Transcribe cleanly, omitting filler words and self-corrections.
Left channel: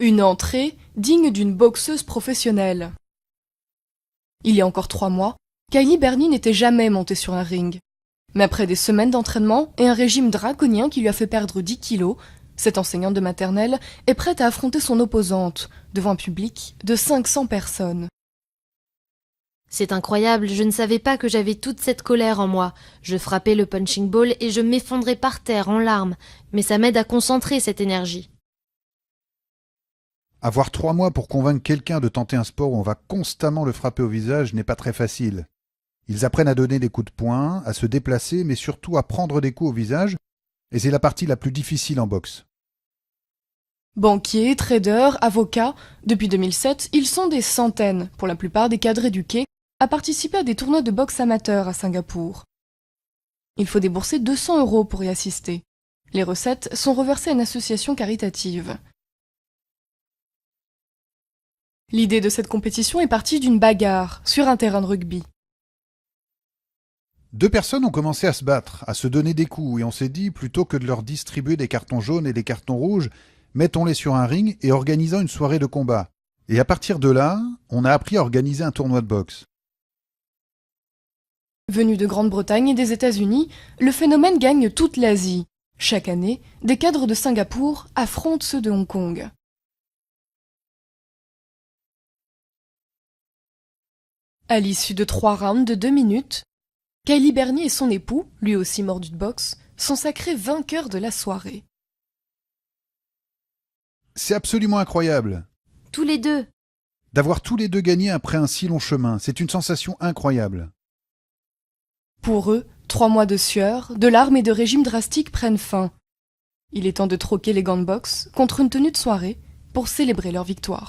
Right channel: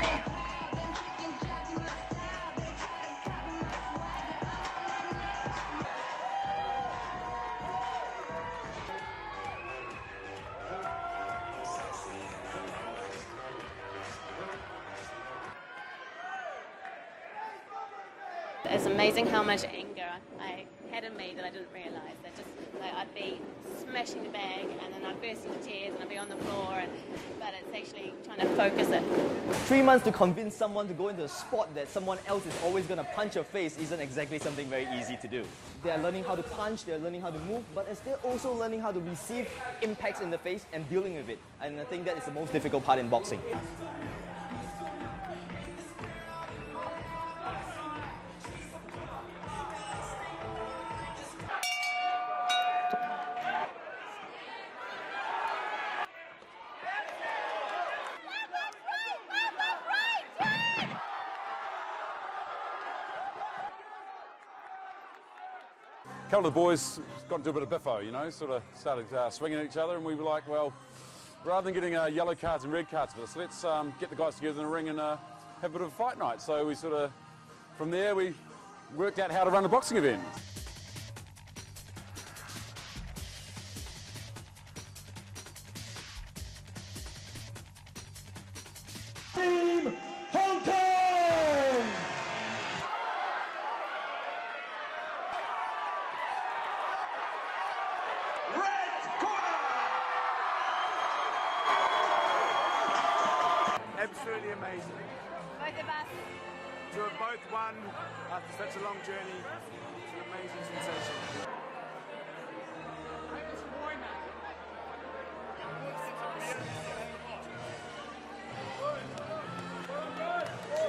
Une entrée digne d'une boxeuse professionnelle. Il y a encore 3 mois, Kylie Bernie n'était jamais montée sur un ring. Mais après des semaines d'entraînement et un régime draconien qui lui a fait perdre 10 kilos, cette enseignante de maternelle est prête à affronter son opposante devant un public de 500 personnes. C'est incroyable, je ne savais pas que j'avais toute cette colère en moi. Je frappais le punching ball et je m'effondrais par terre en larmes. Mais ça m'aide à concentrer cette énergie. Avoir 3 mois pour convaincre quelqu'un de tenter un sport où on va constamment le frapper au visage n'est pas très facile. Ils apprennent à donner des coups de poing, à se déplacer, mais surtout à prendre des coups au visage. Et c'est la partie la plus difficile en boxe. Banquiers, traders, avocats, depuis 2007, ils sont des centaines, pour la plupart des cadres éduqués, à participer à des tournois de boxe amateurs à Singapour. Il faut débourser 200 € pour y assister. Les recettes sont reversées à une association caritative. L'idée de cette compétition est partie d'une bagarre sur un terrain de rugby. 2 personnes ont commencé à se battre, à se donner des coups, et on s'est dit, plutôt que de leur distribuer des cartons jaunes et des cartons rouges, mettons-les sur un ring et organisons une soirée de combat. Et à partir de là, on a appris à organiser un tournoi de boxe. Venu de Grande-Bretagne et des États-Unis, le phénomène gagne toute l'Asie. Chaque année, des cadres de Singapour affrontent ceux de Hong Kong. À l'issue de 3 rounds de 2 minutes, Kylie Bernie et son époux, lui aussi mordu de boxe, sont sacrés vainqueurs de la soirée. C'est absolument incroyable. Tous les deux. D'avoir tous les deux gagné après un si long chemin, c'est une sensation incroyable. Pour eux, 3 mois de sueur, de larmes et de régime drastique prennent fin. Il est temps de troquer les gants de boxe contre une tenue de soirée pour célébrer leur victoire.